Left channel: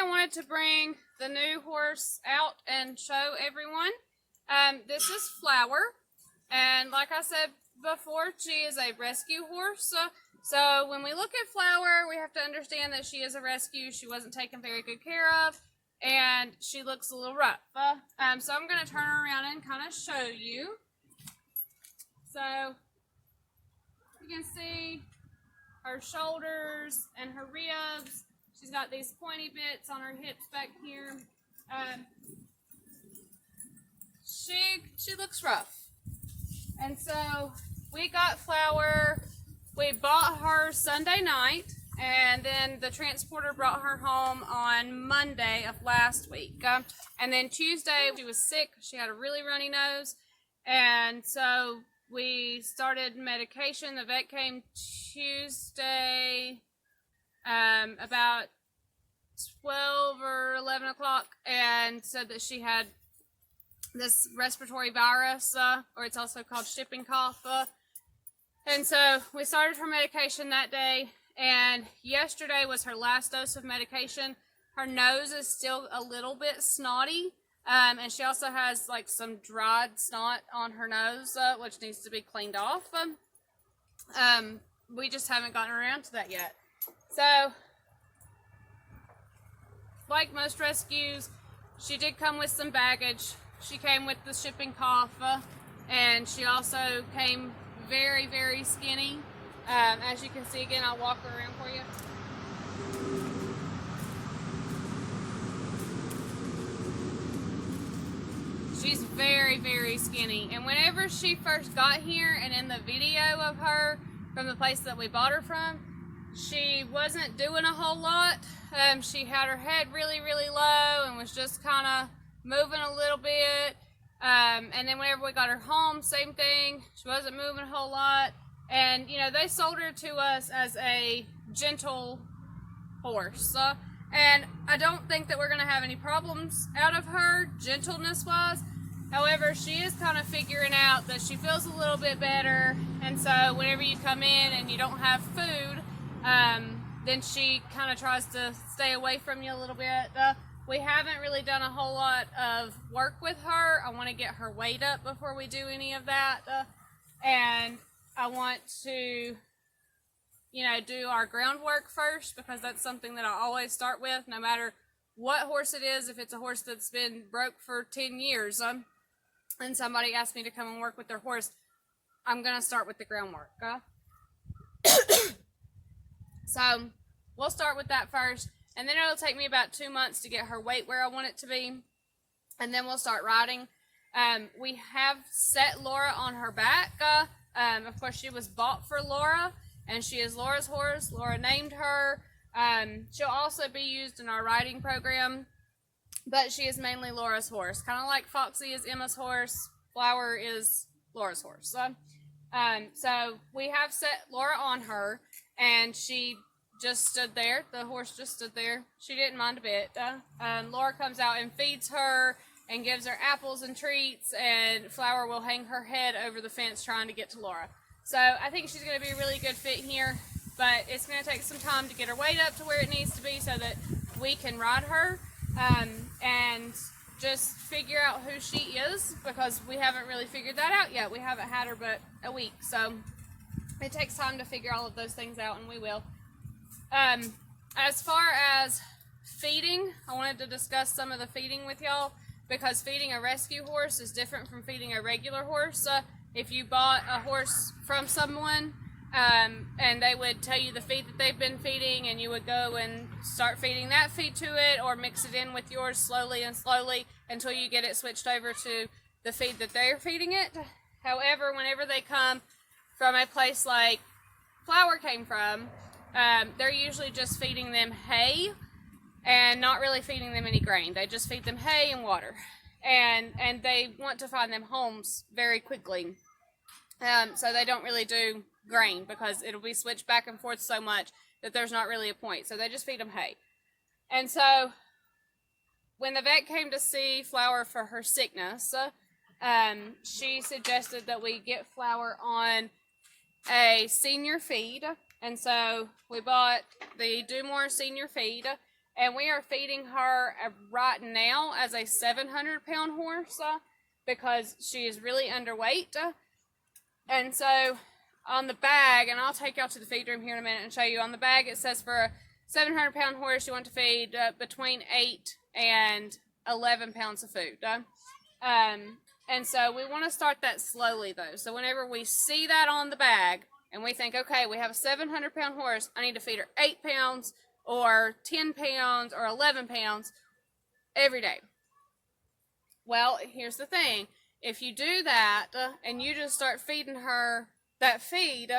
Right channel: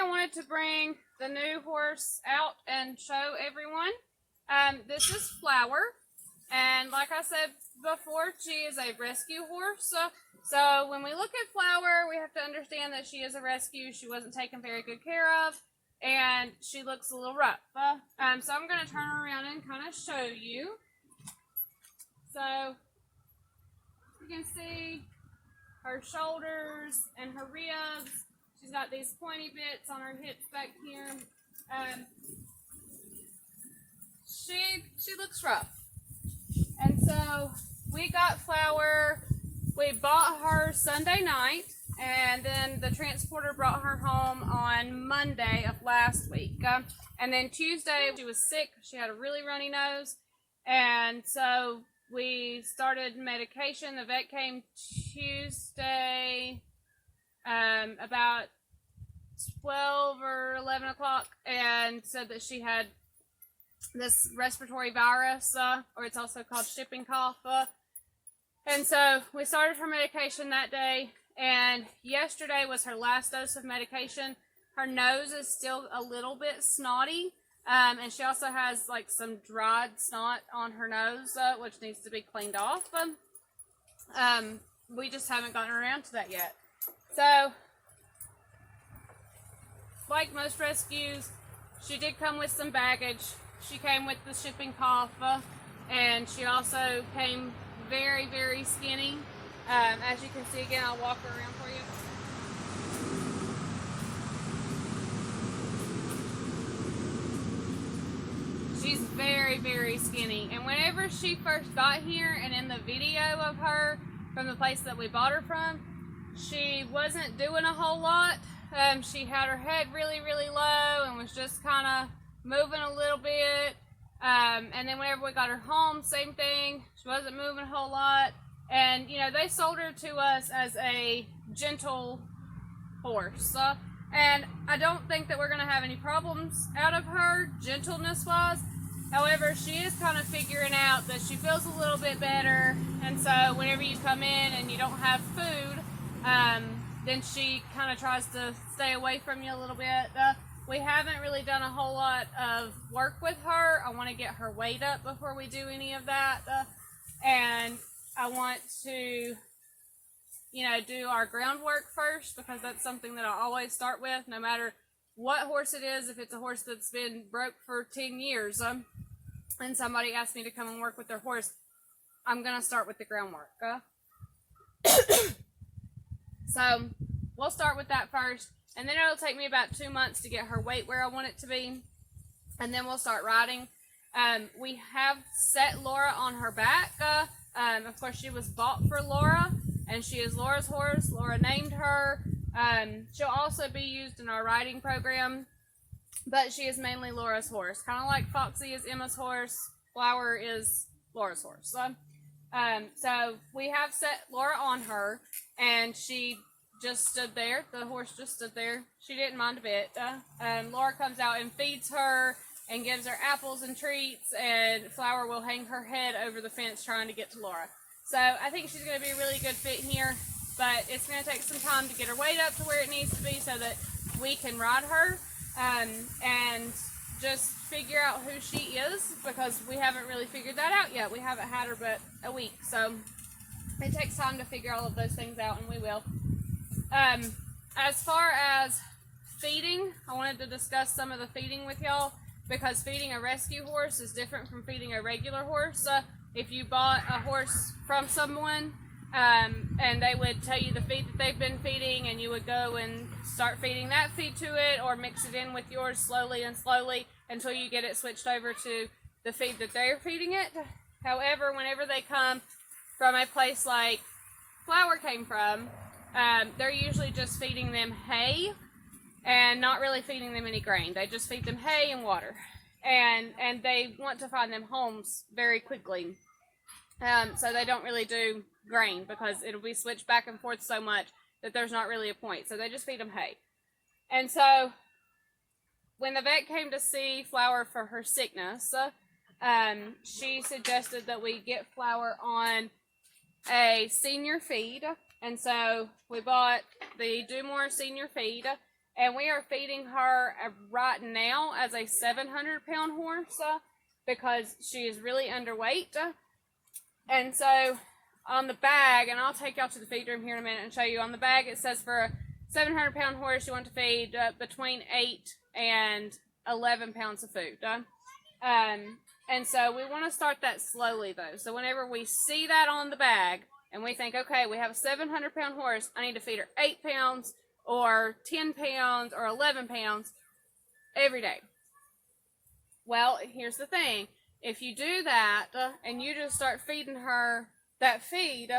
I wanted to bring the new horse out and show everyone. This is Flower, and like I said before, she is a rescue horse. So when we look at Flower, we have to understand that she is a rescue. She wasn't taken very good care of, and she looks a little rough. So I'm going to turn her around and kind of show you. So you can see her shoulders and her ribs. She's got these pointy bits on her hips back here. She looks rough. And so we got Flower. We bought her Sunday night, and then the transporter brought her home on Monday of last week. And then Tuesday she was sick. She had a really runny nose, and so we started medication. The vet came Tuesday about 12 or 11 o'clock and said that she had this respiratory virus, or it's also called shipping cough. And so we started her medication that day, and yesterday was her last dose of medication. Her nose is still a little bit snotty, and she also has like some dried snot on her nose, which needs to be cleaned off. We just haven't gotten around to that yet. So, like most rescues, she did come with some baggage. She came with the shipping cough, and she also came very, very skinny. As you can see, again, I'll walk her around for you. She's very, very skinny. And whenever she first got here, and in the video of her from the place that we bought her from, she wasn't doing a whole lot. She had her head really, really low and was just kind of moving a little bit. And then whenever we got her home, same thing. She wasn't moving a whole lot. And, you know, they sold her to us as a gentle horse. And I don't think that we're going to have any problems out of her, gentleness-wise. However, she is kind of figuring out that she feels a little bit better. And so whenever you come in and you don't have food, then she kind of tries to stay away from you a little bit. We haven't really done a whole lot of work with her. I want to get her weight up before we do any of that. And I want to, you know, do our groundwork first, because that's something that I always start with, no matter what horse it is. If it's a horse that's been broke for 10 years and somebody asks me to come and work with their horse, I'm going to start with the groundwork. So we'll start with that first, and then it'll take me about 2 months to get her weight where I want it to be, and then we'll start riding. We have set Laura on her back. Of course, she was bought for Laura, and she is Laura's horse. Laura named her. She'll also be used in our riding program, but she is mainly Laura's horse. Kind of like Foxy is Emma's horse, Flower is Laura's horse. So we have set Laura on her, and she just stood there. The horse just stood there. She didn't mind a bit. Laura comes out and feeds her and gives her apples and treats, and Flower will hang her head over the fence trying to get to Laura. So I think she's going to be a really good fit here, but it's going to take some time to get her weight up to where it needs to be so that we can ride her and just figure out who she is, because we haven't really figured that out yet. We haven't had her but a week, so it takes time to figure all of those things out, and we will. As far as feeding, I wanted to discuss some of the feeding with y'all, because feeding a rescue horse is different from feeding a regular horse. If you bought a horse from someone and they would tell you the feed that they've been feeding, and you would go and start feeding that feed to it, or mix it in with yours slowly and slowly until you get it switched over to the feed that they're feeding it. However, whenever they come from a place like Flower came from, they're usually just feeding them hay and not really feeding them any grain. They just feed them hay and water, and they want to find them homes very quickly. So they don't really do grain, because it'll be switched back and forth so much that there's not really a point. So they just feed them hay. And so when the vet came to see Flower for her sickness, she suggested that we get Flower on a senior feed. And so we bought the Do More senior feed, And we are feeding her right now as a 700-pound horse because she is really underweight. And so on the bag, and I'll take y'all to the feed room here in a minute and show you, on the bag it says for a 700-pound horse you want to feed between 8 and 11 pounds of food. And so we want to start that slowly though. So whenever we see that on the bag and we think, okay, we have a 700-pound horse, I need to feed her 8 pounds or 10 pounds or 11 pounds every day. Well, here's the thing. If you do that and you just start feeding her that feed,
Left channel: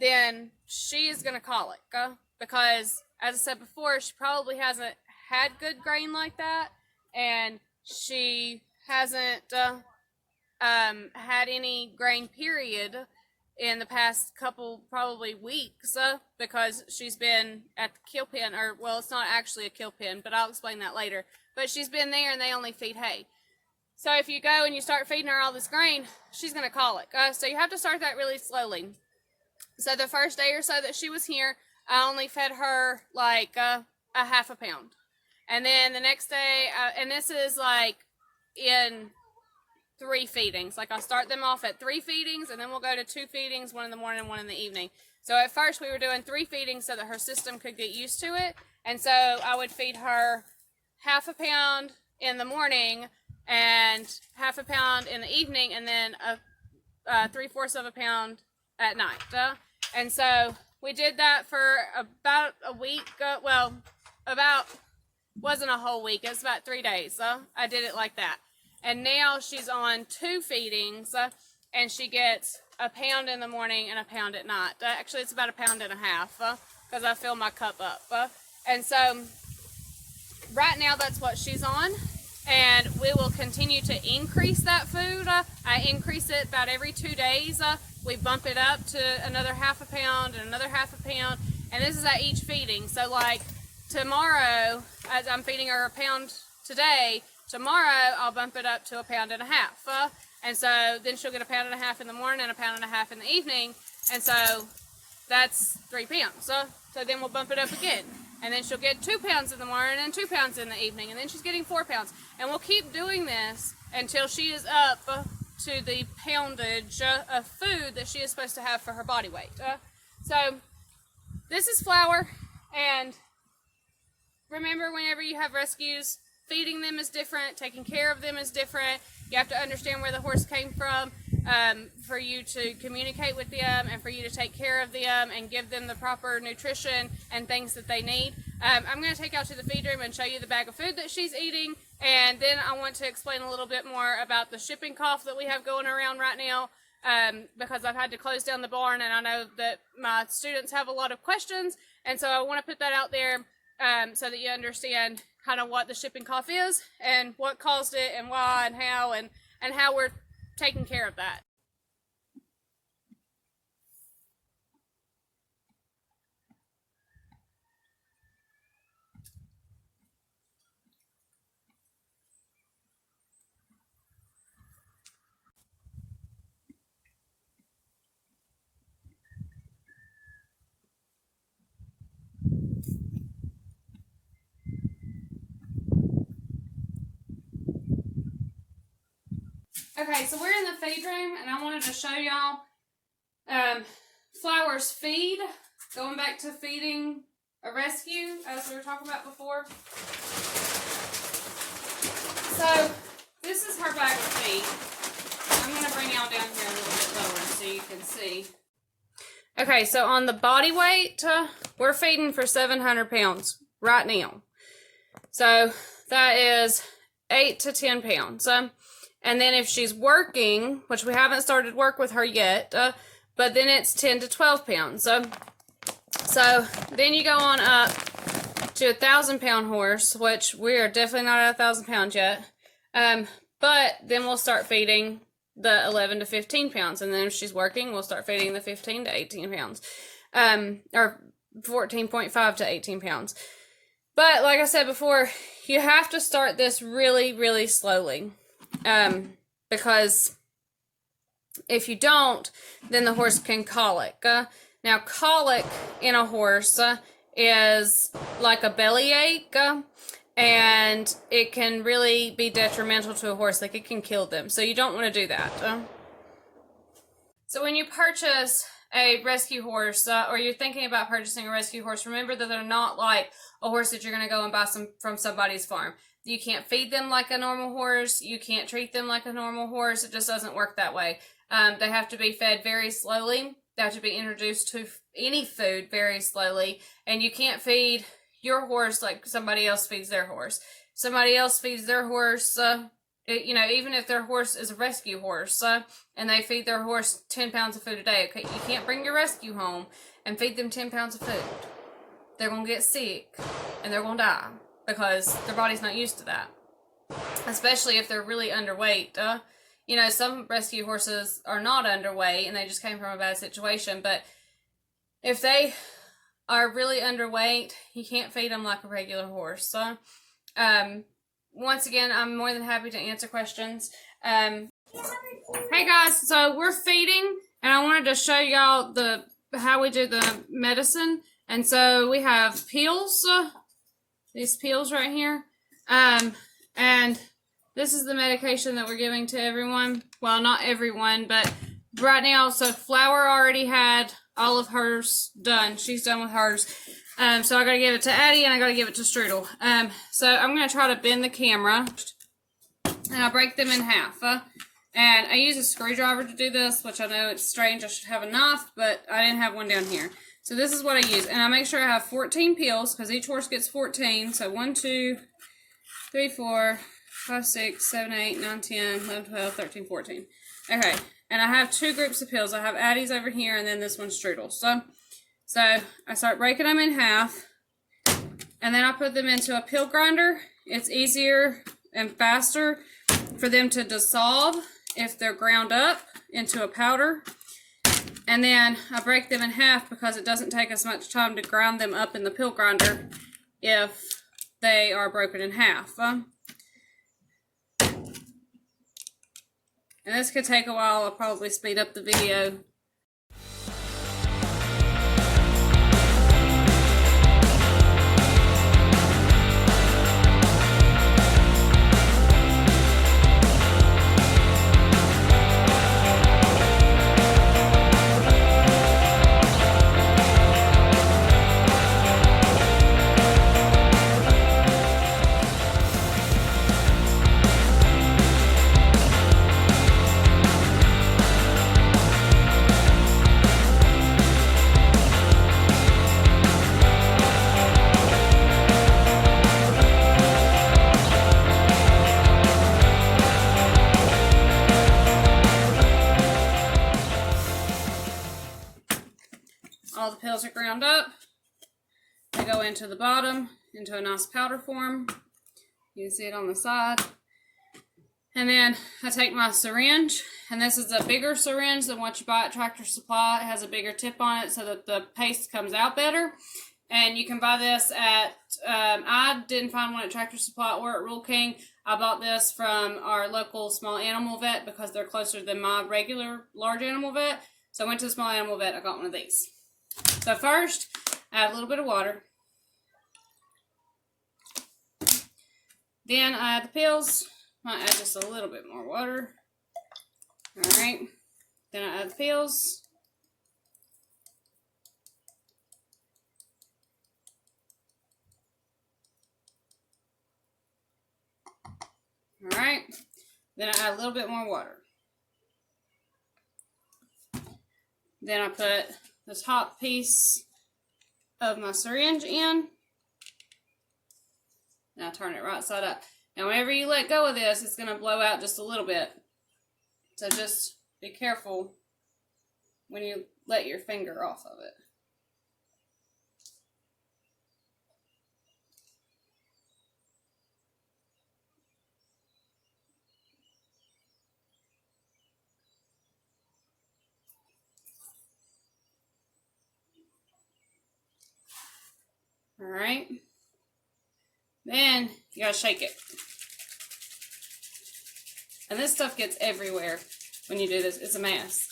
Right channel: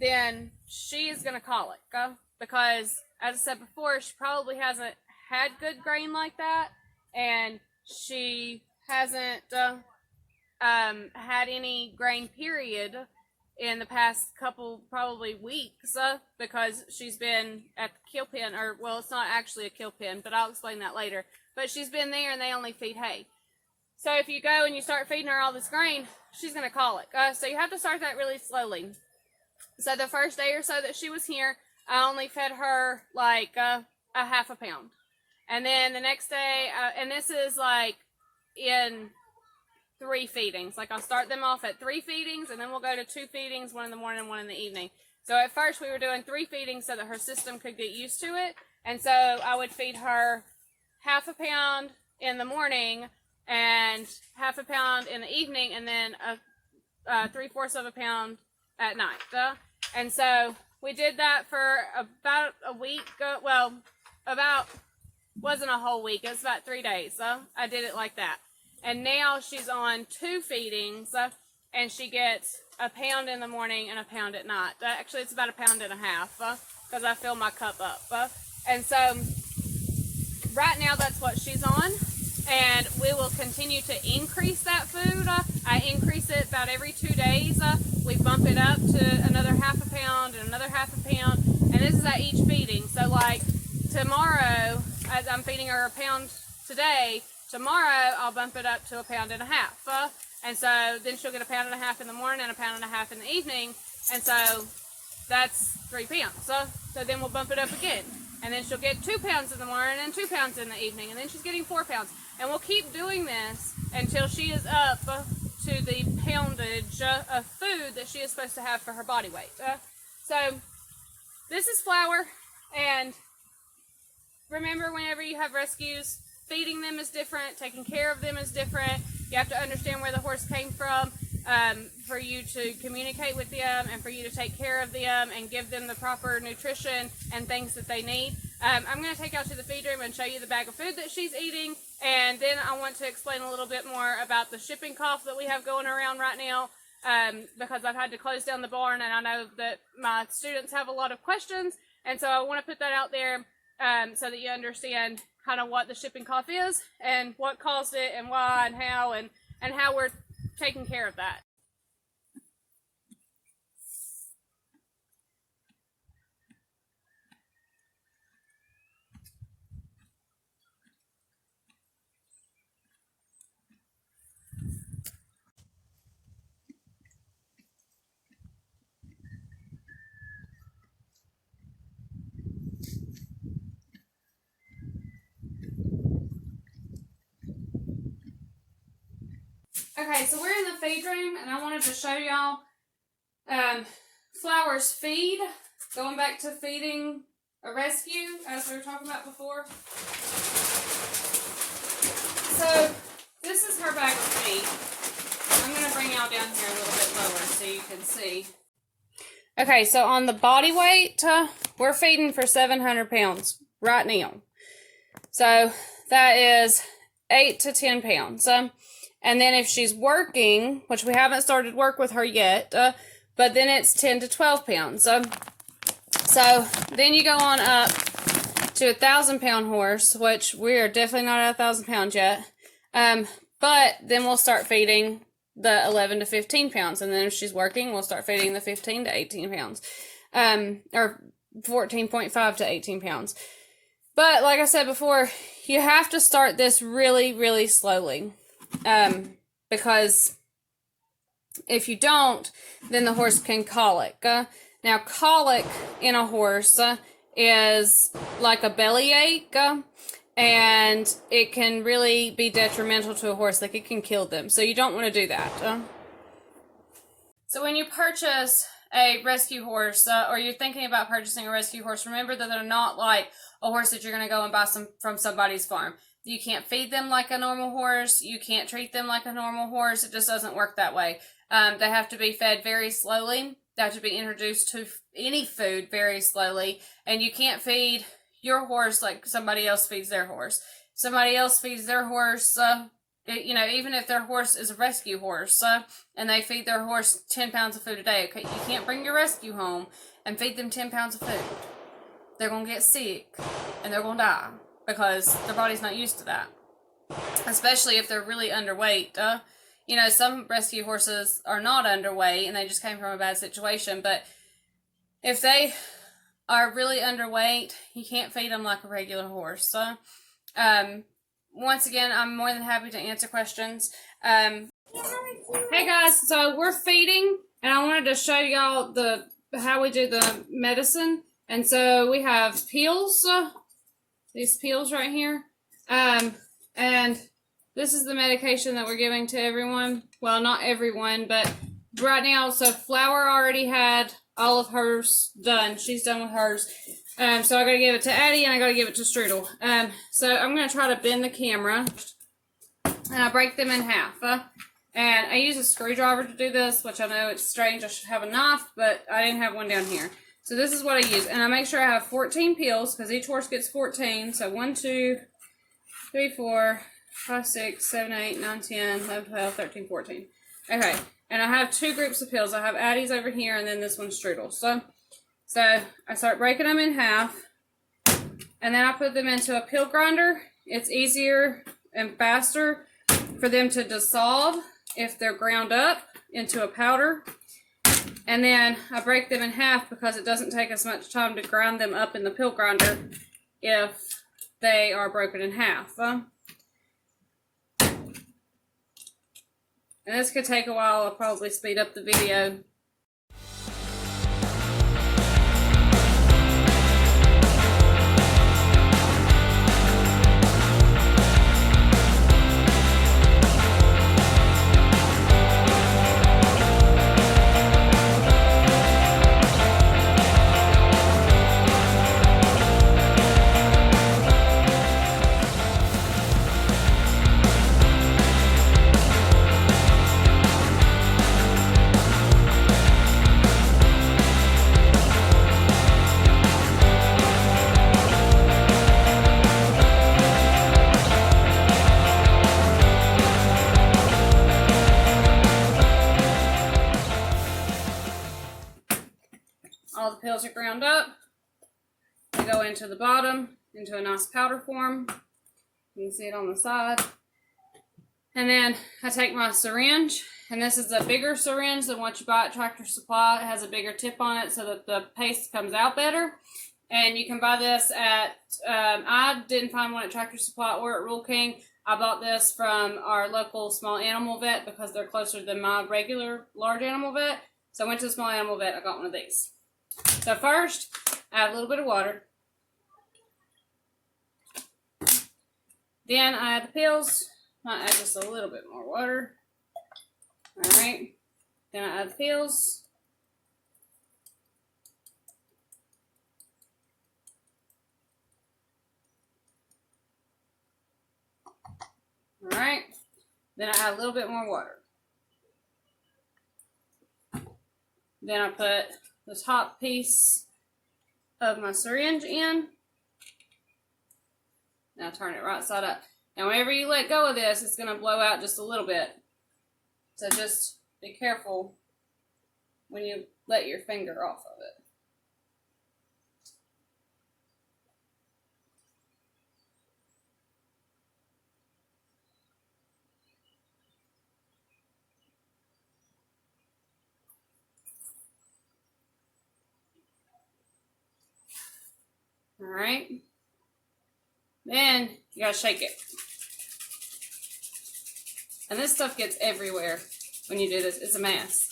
then she is going to colic because, as I said before, she probably hasn't had good grain like that, and she hasn't had any grain period in the past couple probably weeks because she's been at the kill pen, or well, it's not actually a kill pen, but I'll explain that later. But she's been there and they only feed hay. So if you go and you start feeding her all this grain, she's going to colic. So you have to start that really slowly. So the first day or so that she was here, I only fed her like a half a pound. And then the next day, and this is like in 3 feedings. Like I'll start them off at 3 feedings, and then we'll go to 2 feedings, 1 in the morning and 1 in the evening. So at first we were doing 3 feedings so that her system could get used to it. And so I would feed her half a pound in the morning and half a pound in the evening, and then 3/4 of a pound at night. And so we did that for about a week. Wasn't a whole week. It was about 3 days. I did it like that. And now she's on 2 feedings, and she gets a pound in the morning and a pound at night. Actually, it's about a pound and a half because I fill my cup up. And so right now that's what she's on, and we will continue to increase that food. I increase it about every 2 days. We bump it up to another half a pound and another half a pound, and this is at each feeding. So like tomorrow, as I'm feeding her a pound today, tomorrow I'll bump it up to a pound and a half. And so then she'll get a pound and a half in the morning and a pound and a half in the evening. And so that's 3 pounds. So then we'll bump it up again. And then she'll get 2 pounds in the morning and 2 pounds in the evening. And then she's getting 4 pounds. And we'll keep doing this until she is up to the poundage of food that she is supposed to have for her body weight. So this is Flower. And remember, whenever you have rescues, feeding them is different, taking care of them is different. You have to understand where the horse came from for you to communicate with them and for you to take care of them and give them the proper nutrition and things that they need. I'm going to take y'all to the feed room and show you the bag of food that she's eating, and then I want to explain a little bit more about the shipping cough that we have going around right now because I've had to close down the barn, and I know that my students have a lot of questions, and so I want to put that out there so that you understand kind of what the shipping cough is and what caused it and why and how we're taking care of that. Okay, so we're in the feed room, and I wanted to show y'all Flower's feed, going back to feeding a rescue, as we were talking about before. So, this is her bag of feed. I'm going to bring y'all down here a little bit lower so you can see. Okay, so on the body weight, we're feeding for 700 pounds right now. So, that is 8 to 10 pounds. And then if she's working, which we haven't started work with her yet, but then it's 10 to 12 pounds. So then you go on up to a 1,000-pound horse, which we are definitely not at 1,000 pounds yet. But then we'll start feeding the 11 to 15 pounds. And then if she's working, we'll start feeding the 15 to 18 pounds. Or 14.5 to 18 pounds. But like I said before, you have to start this really, really slowly. Because if you don't, then the horse can colic. Now, colic in a horse is like a bellyache, and it can really be detrimental to a horse. Like, it can kill them. So you don't want to do that. So when you purchase a rescue horse, or you're thinking about purchasing a rescue horse, remember that they're not like a horse that you're going to go and buy from somebody's farm. You can't feed them like a normal horse. You can't treat them like a normal horse. It just doesn't work that way. They have to be fed very slowly. They have to be introduced to any food very slowly. And you can't feed your horse like somebody else feeds their horse. Somebody else feeds their horse, you know, even if their horse is a rescue horse, and they feed their horse 10 pounds of food a day, okay, you can't bring your rescue home and feed them 10 pounds of food. They're going to get sick, and they're going to die, because their body's not used to that. Especially if they're really underweight. You know, some rescue horses are not underweight, and they just came from a bad situation, but if they are really underweight, you can't feed them like a regular horse. Once again, I'm more than happy to answer questions. Hey guys, so we're feeding, and I wanted to show y'all how we do the medicine. And so we have pills, these pills right here, and this is the medication that we're giving to everyone. Well, not everyone, but right now. So Flower already had all of hers done. She's done with hers. So I gotta give it to Addie, and I gotta give it to Strudel. So I'm gonna try to bend the camera, and I break them in half. And I use a screwdriver to do this, which I know it's strange. I should have a knife, but I didn't have one down here. So this is what I use, and I make sure I have 14 pills, because each horse gets 14. So 1, 2, 3, 4, 5, 6, 7, 8, 9, 10, 11, 12, 13, 14. Okay, and I have 2 groups of pills. I have Addie's over here, and then this one's Strudel. So I start breaking them in half, and then I put them into a pill grinder. It's easier and faster for them to dissolve if they're ground up into a powder. And then I break them in half because it doesn't take as much time to grind them up in the pill grinder if they are broken in half. And this could take a while. I'll probably speed up the video. All the pills are ground up. They go into the bottom, into a nice powder form. You can see it on the side. And then I take my syringe, and this is a bigger syringe than what you buy at Tractor Supply. It has a bigger tip on it so that the paste comes out better. And you can buy this at, I didn't find one at Tractor Supply or at Rural King. I bought this from our local small animal vet because they're closer than my regular large animal vet. So I went to the small animal vet, I got one of these. So first, I add a little bit of water. Then I add the pills. I add just a little bit more water. Alright. Then I add the pills. Alright. Then I add a little bit more water. Then I put the top piece of my syringe in. Now turn it right side up. Now whenever you let go of this, it's going to blow out just a little bit. So just be careful when you let your finger off of it. Alright. Then you gotta shake it. And this stuff gets everywhere when you do this. It's a mess.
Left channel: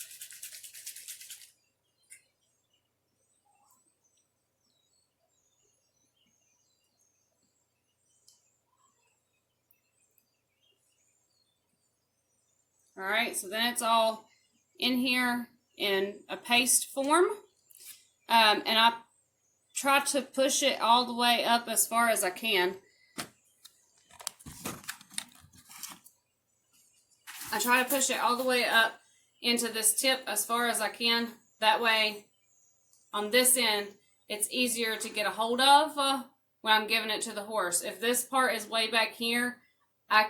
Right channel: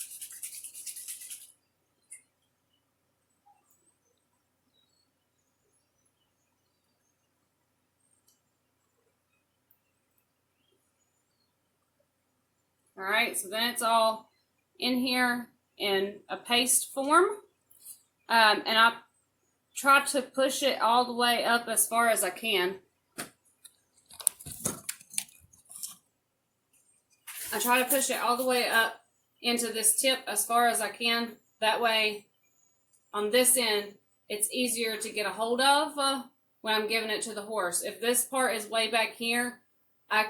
All right, so then it's all in here in a paste form. And I try to push it all the way up as far as I can. I try to push it all the way up into this tip as far as I can. That way, on this end, it's easier to get a hold of when I'm giving it to the horse. If this part is way back here,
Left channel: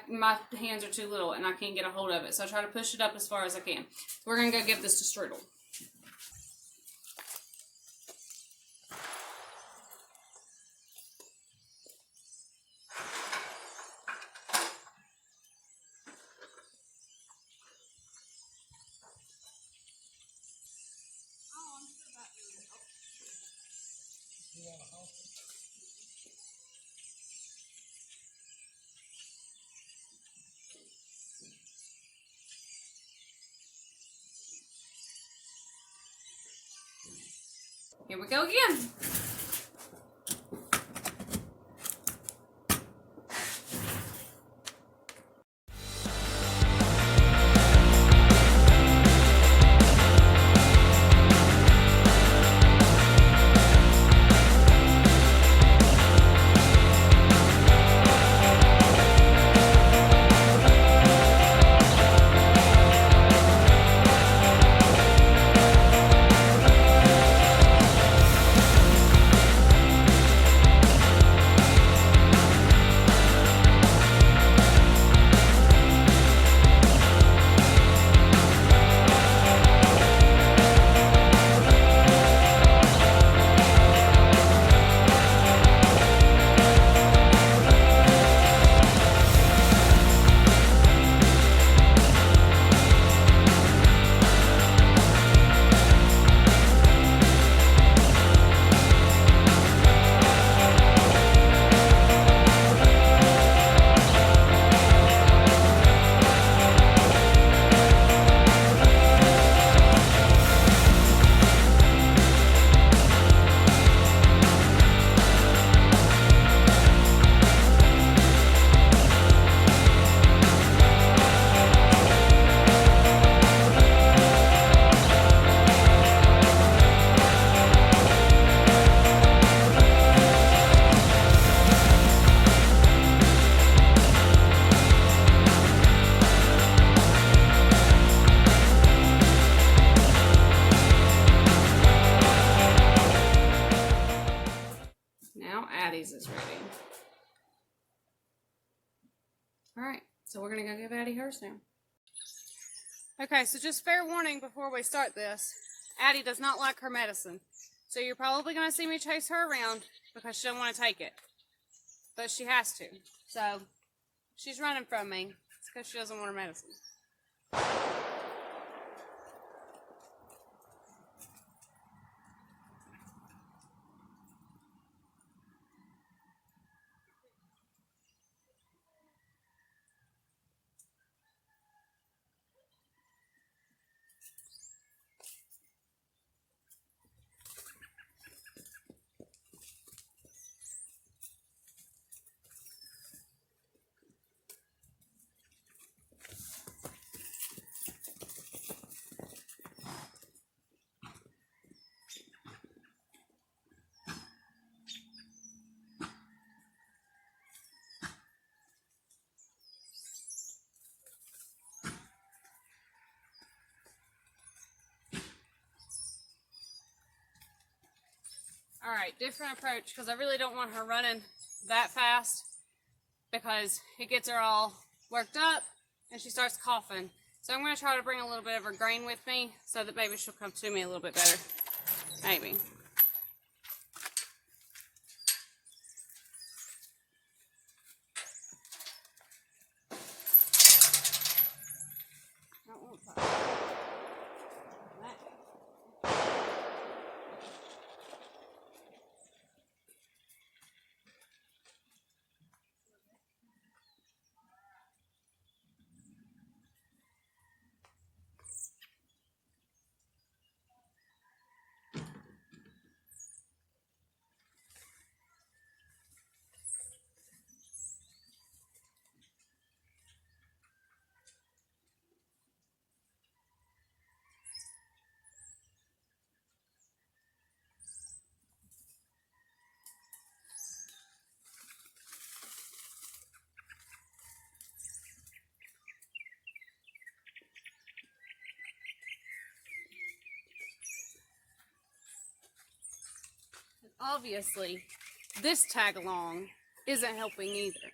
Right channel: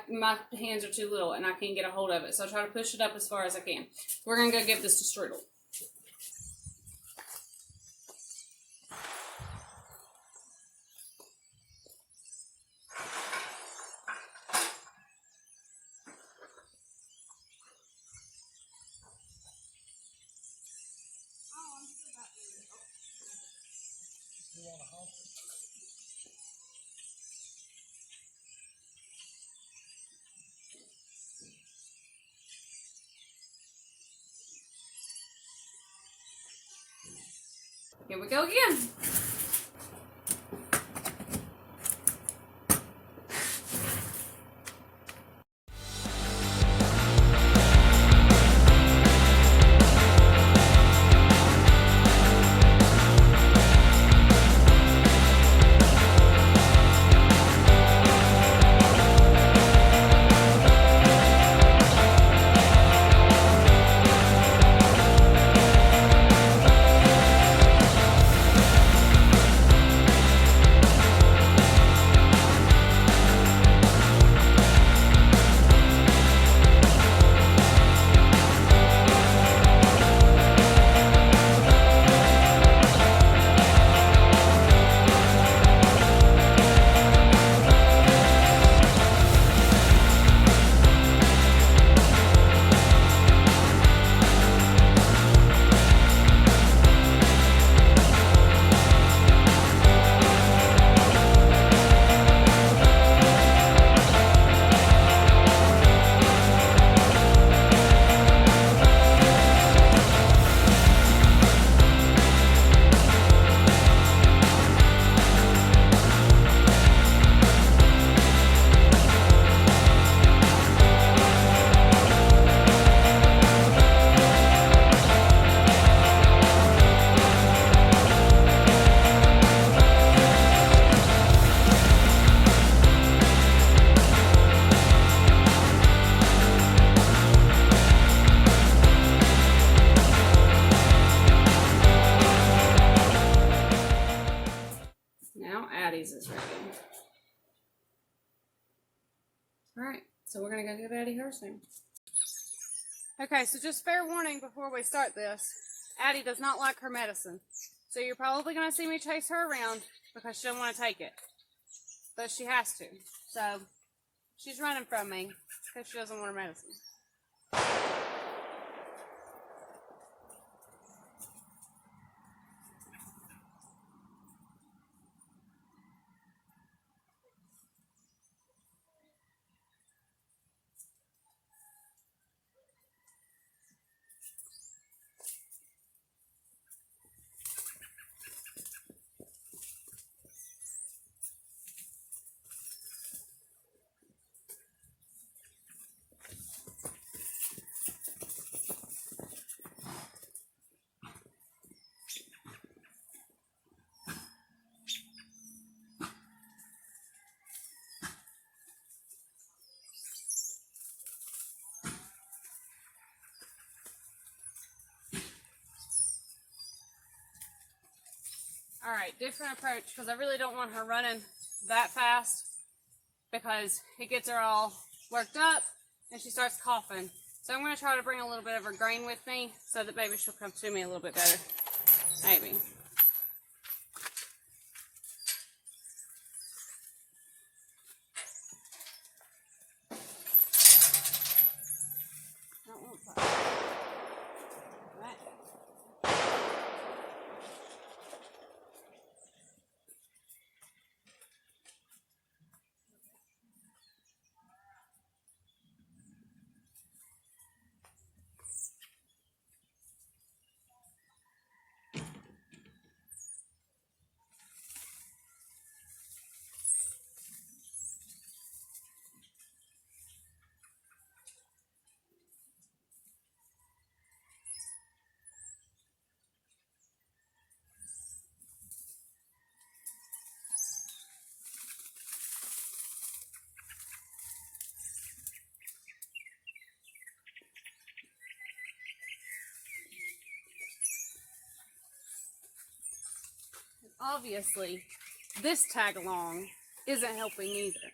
my hands are too little and I can't get a hold of it. So I try to push it up as far as I can. We're going to go give this to Strudel. Here we go again. Is ready. All right, so we're gonna go give Addie hers now. Okay, so just fair warning before we start this, Addie does not like her medicine. So you're probably gonna see me chase her around because she doesn't want to take it. But she has to. So she's running from me because she doesn't want her medicine. All right, different approach because I really don't want her running that fast because it gets her all worked up and she starts coughing. So I'm going to try to bring a little bit of her grain with me so that maybe she'll come to me a little bit better. Maybe. obviously this tag along isn't helping either.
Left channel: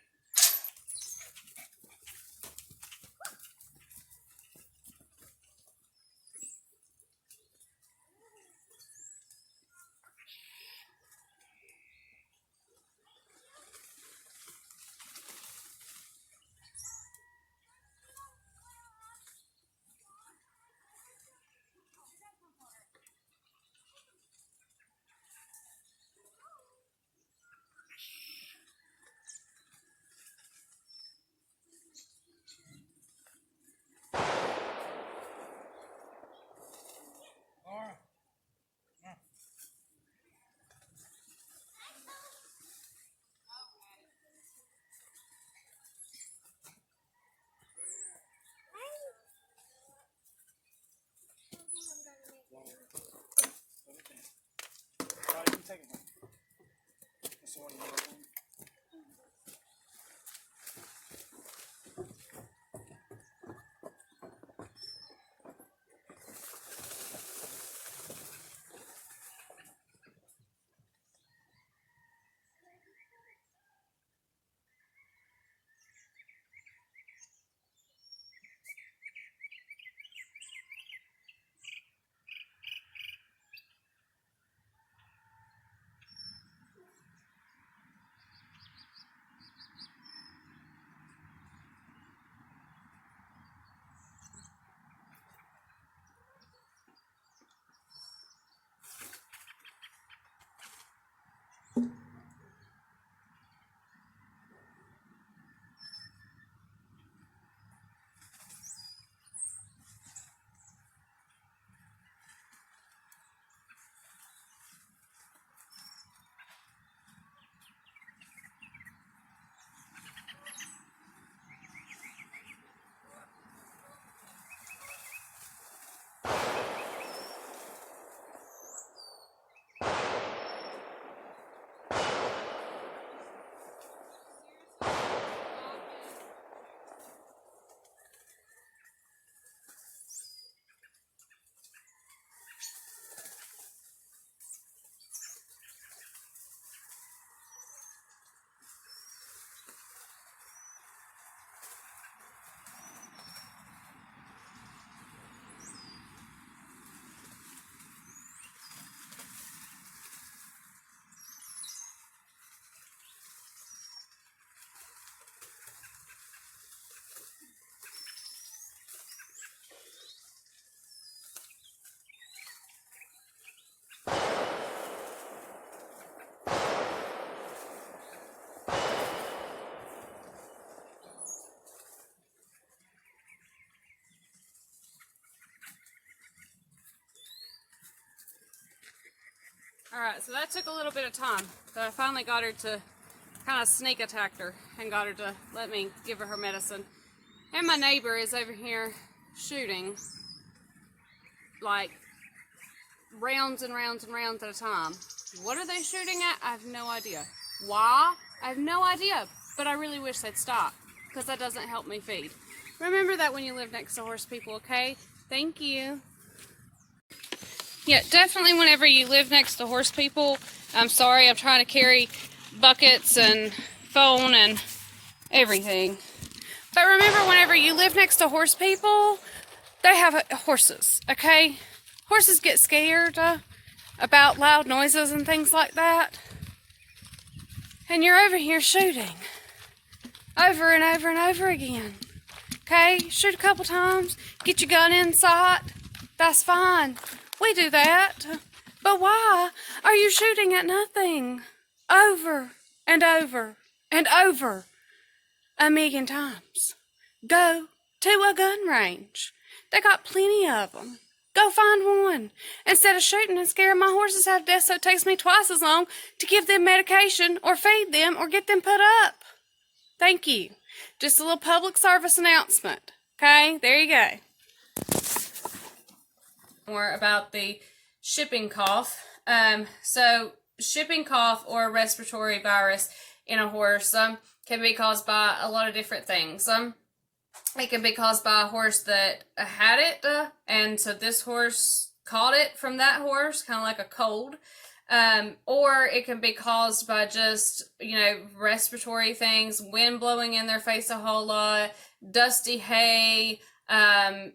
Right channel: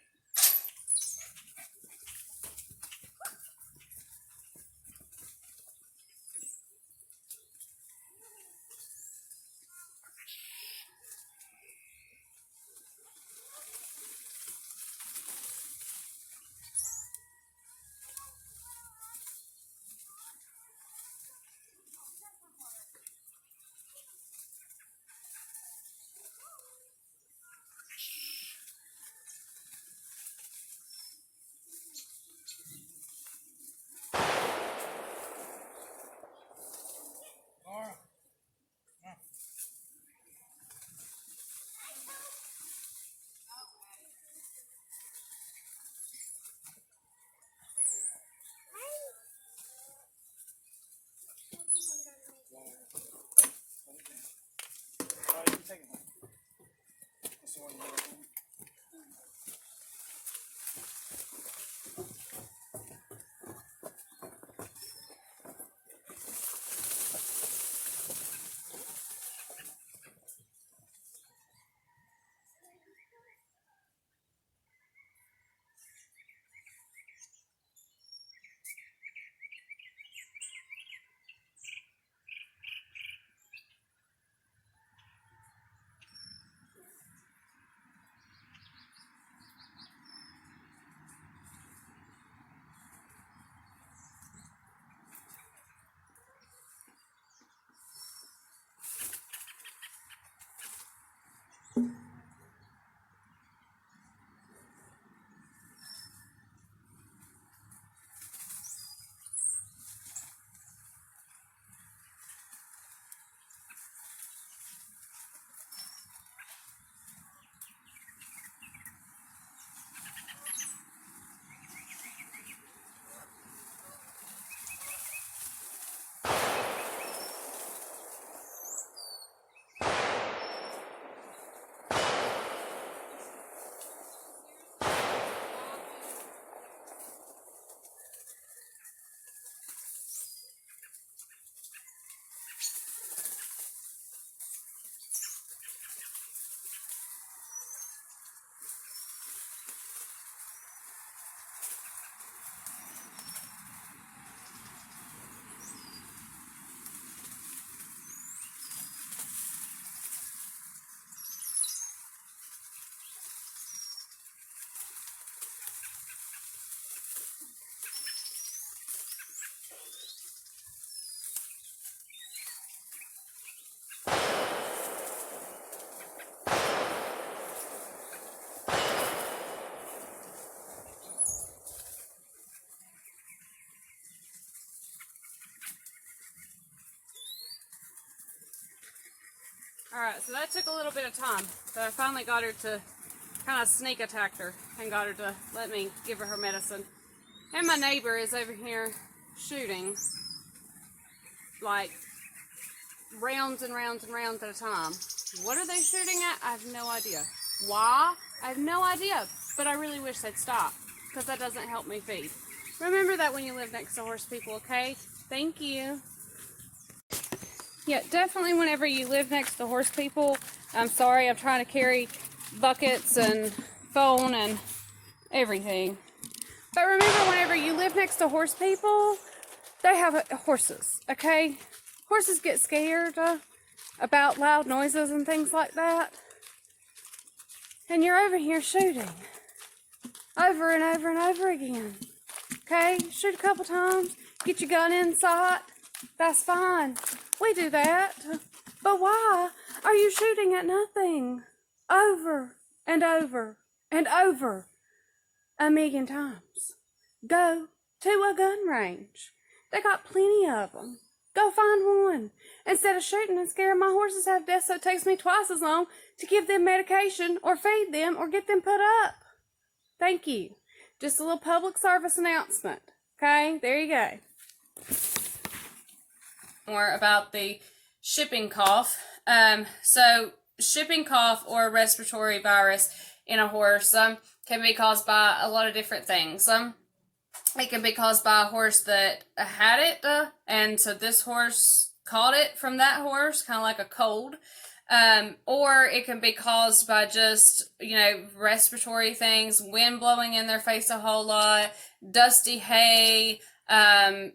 Alright, so that took a little bit of time, but I finally got her to kind of sneak attack her and got her to let me give her medicine. And my neighbor is over here shooting like rounds and rounds and rounds at a time. What are they shooting at? I have no idea. Why? I have no idea, but I really wish they'd stop because that doesn't help me feed. Remember that when you live next to horse people, okay? Thank you. Yeah, definitely whenever you live next to horse people, I'm sorry, I'm trying to carry buckets and phone and everything. But remember, whenever you live next to horse people, they have horses, okay? Horses get scared about loud noises and things like that. And you're over here shooting over and over and over again. Okay, shoot a couple times, get your gun in sight, that's fine. We do that. But why are you shooting at nothing over and over and over a million times? Go to a gun range. They got plenty of them. Go find one. Instead of shooting and scaring my horses half to death so it takes me twice as long to give them medication or feed them or get them put up. Thank you. Just a little public service announcement. Okay, there you go. More about the shipping cough. So shipping cough or respiratory virus in a horse can be caused by a lot of different things. It can be caused by a horse that had it, and so this horse caught it from that horse, kind of like a cold. Or it can be caused by just, respiratory things, wind blowing in their face a whole lot, dusty hay, a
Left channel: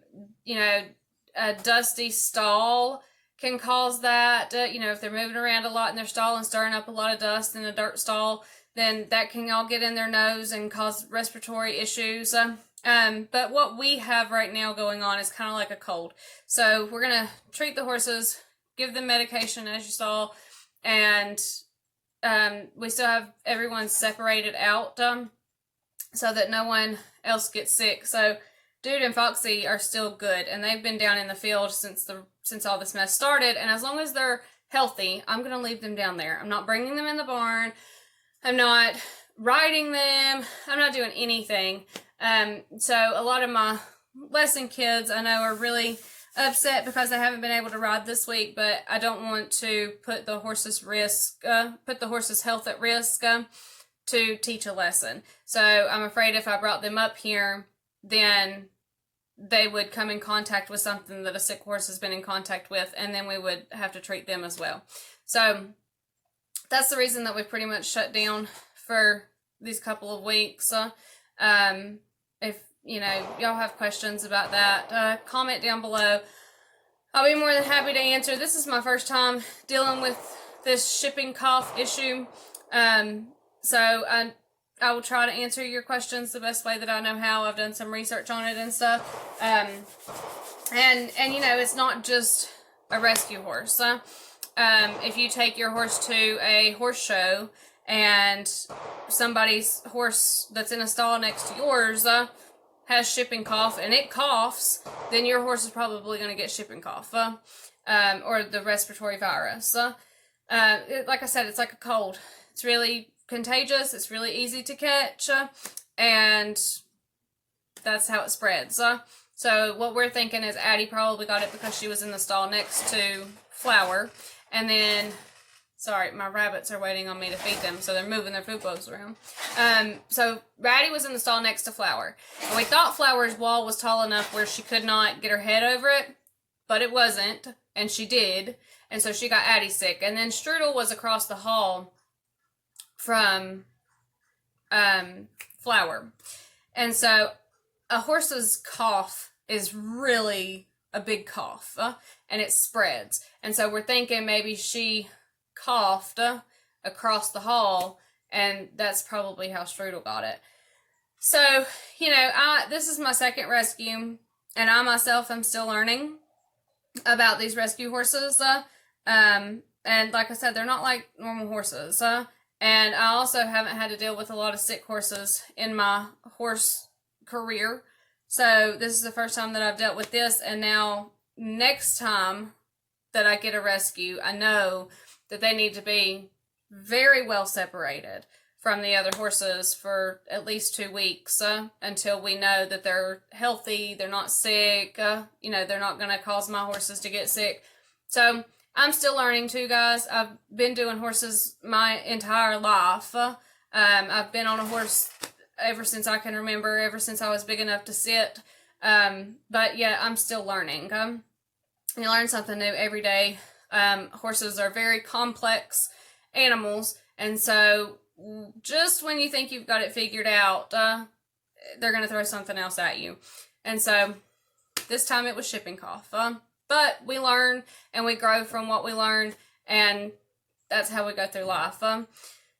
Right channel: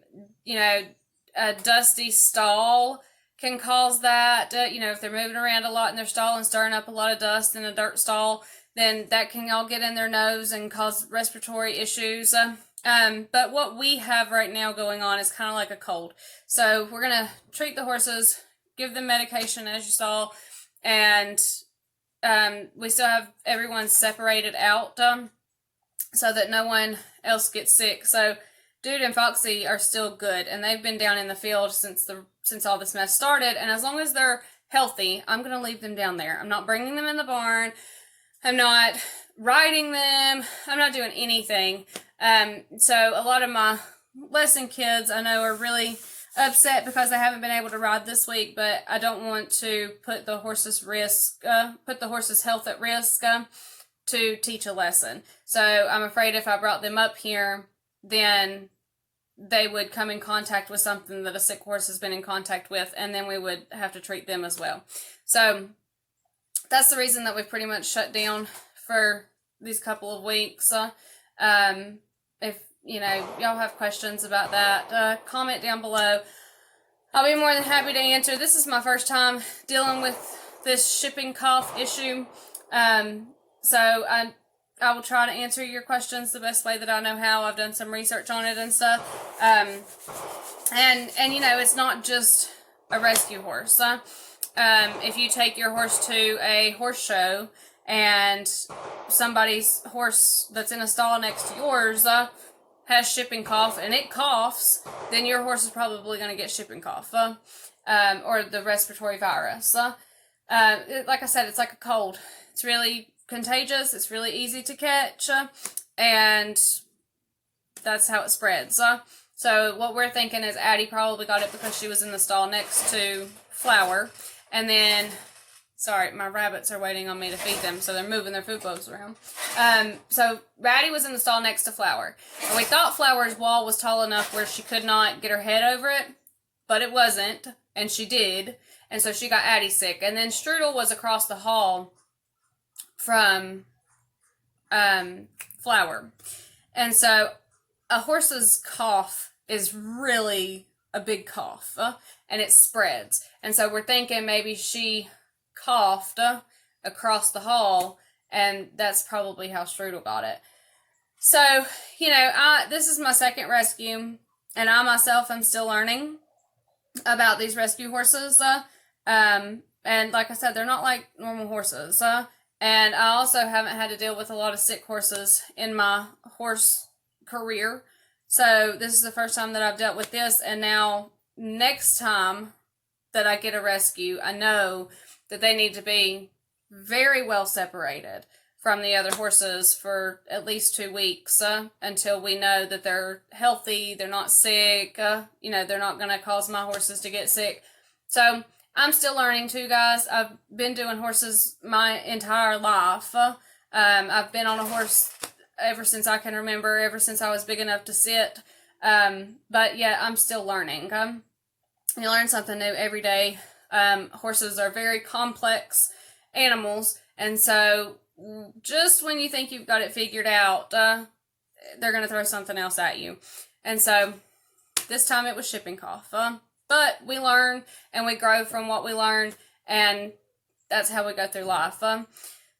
dusty stall can cause that. If they're moving around a lot in their stall and stirring up a lot of dust in a dirt stall, then that can all get in their nose and cause respiratory issues. But what we have right now going on is kind of like a cold. So we're going to treat the horses, give them medication as you saw, and we still have everyone separated out so that no one else gets sick. So Dude and Foxy are still good, and they've been down in the field since all this mess started, and as long as they're healthy, I'm going to leave them down there. I'm not bringing them in the barn. I'm not riding them. I'm not doing anything. So a lot of my lesson kids I know are really upset because they haven't been able to ride this week, but I don't want to put the horse's health at risk to teach a lesson. So I'm afraid if I brought them up here, then they would come in contact with something that a sick horse has been in contact with, and then we would have to treat them as well. So that's the reason that we've pretty much shut down for these couple of weeks. If y'all have questions about that, comment down below. I'll be more than happy to answer. This is my first time dealing with this shipping cough issue, so I will try to answer your questions the best way that I know how. I've done some research on it and stuff. And it's not just a rescue horse. If you take your horse to a horse show and somebody's horse that's in a stall next to yours has shipping cough and it coughs, then your horse is probably going to get shipping cough or the respiratory virus. Like I said, it's like a cold. It's really contagious, it's really easy to catch, and that's how it spreads. So what we're thinking is Addie probably got it because she was in the stall next to Flower, and then, sorry, my rabbits are waiting on me to feed them, so they're moving their food bowls around. So Addie was in the stall next to Flower, and we thought Flower's wall was tall enough where she could not get her head over it, but it wasn't, and she did, and so she got Addie sick. And then Strudel was across the hall from Flower. And so a horse's cough is really a big cough, and it spreads. And so we're thinking maybe she coughed across the hall, and that's probably how Strudel got it. So, this is my second rescue, and I myself am still learning about these rescue horses. And like I said, they're not like normal horses. And I also haven't had to deal with a lot of sick horses in my horse career. So this is the first time that I've dealt with this. And now next time that I get a rescue, I know that they need to be very well separated from the other horses for at least 2 weeks until we know that they're healthy, they're not sick, they're not going to cause my horses to get sick. So I'm still learning too, guys. I've been doing horses my entire life. I've been on a horse ever since I can remember, ever since I was big enough to sit. But yeah, I'm still learning. You learn something new every day. Horses are very complex animals, and so just when you think you've got it figured out, they're going to throw something else at you. And so this time it was shipping cough. But we learn and we grow from what we learn, and that's how we go through life.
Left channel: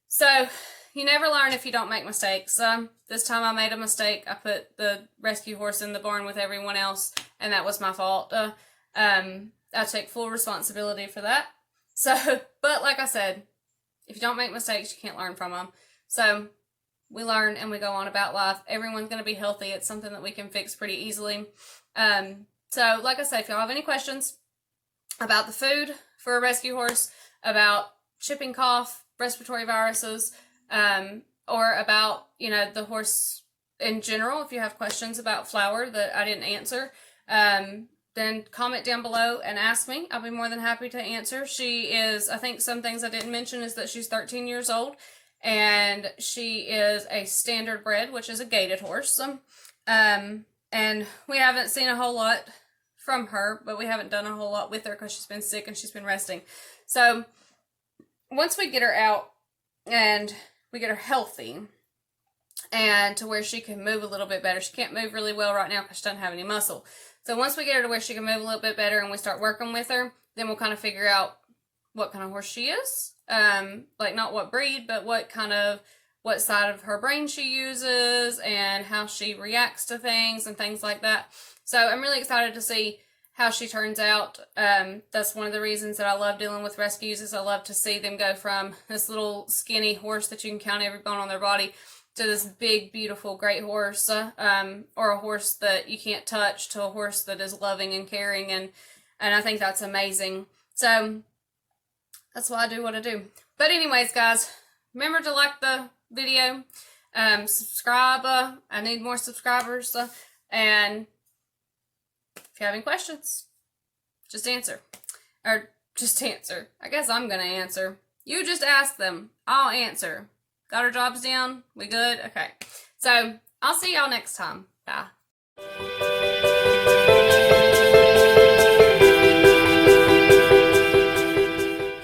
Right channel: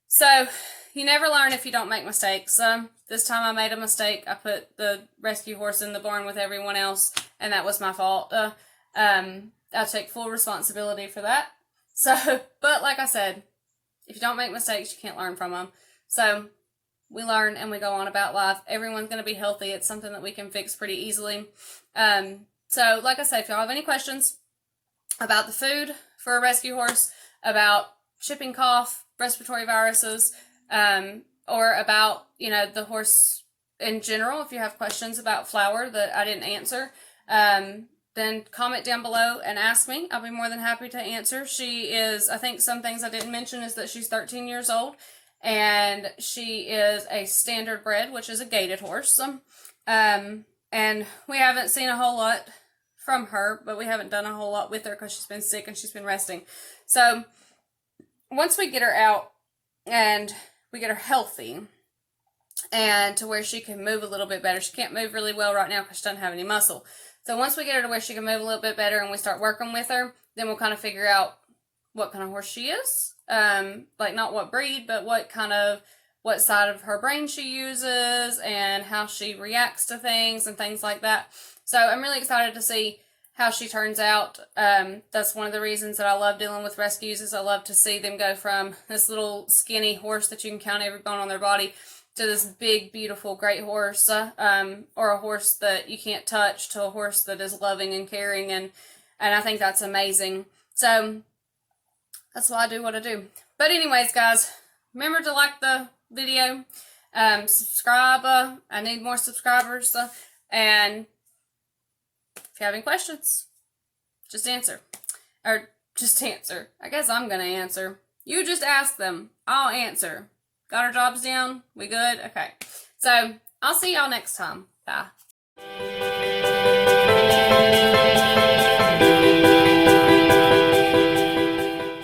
So you never learn if you don't make mistakes. This time I made a mistake. I put the rescue horse in the barn with everyone else, and that was my fault. I take full responsibility for that. So, but like I said, if you don't make mistakes, you can't learn from them. So we learn and we go on about life. Everyone's going to be healthy. It's something that we can fix pretty easily. So like I said, if y'all have any questions about the food for a rescue horse, about shipping cough, respiratory viruses, or about, the horse in general, if you have questions about Flower that I didn't answer, then comment down below and ask me. I'll be more than happy to answer. She is, I think some things I didn't mention is that she's 13 years old, and she is a standard bred, which is a gaited horse. And we haven't seen a whole lot from her, but we haven't done a whole lot with her because she's been sick and she's been resting. So once we get her out and we get her healthy and to where she can move a little bit better. She can't move really well right now because she doesn't have any muscle. So once we get her to where she can move a little bit better and we start working with her, then we'll kind of figure out what kind of horse she is. Like not what breed, but what side of her brain she uses and how she reacts to things and things like that. So I'm really excited to see how she turns out. That's one of the reasons that I love dealing with rescues, is I love to see them go from this little skinny horse that you can count every bone on their body to this big, beautiful, great horse, or a horse that you can't touch, to a horse that is loving and caring, and I think that's amazing. So that's why I do what I do. But anyways, guys, remember to like the video, subscribe. I need more subscribers, and if you have any questions, just answer. I guess I'm going to answer. You just ask them. I'll answer. Got our jobs down? We good? Okay. So, I'll see y'all next time. Bye.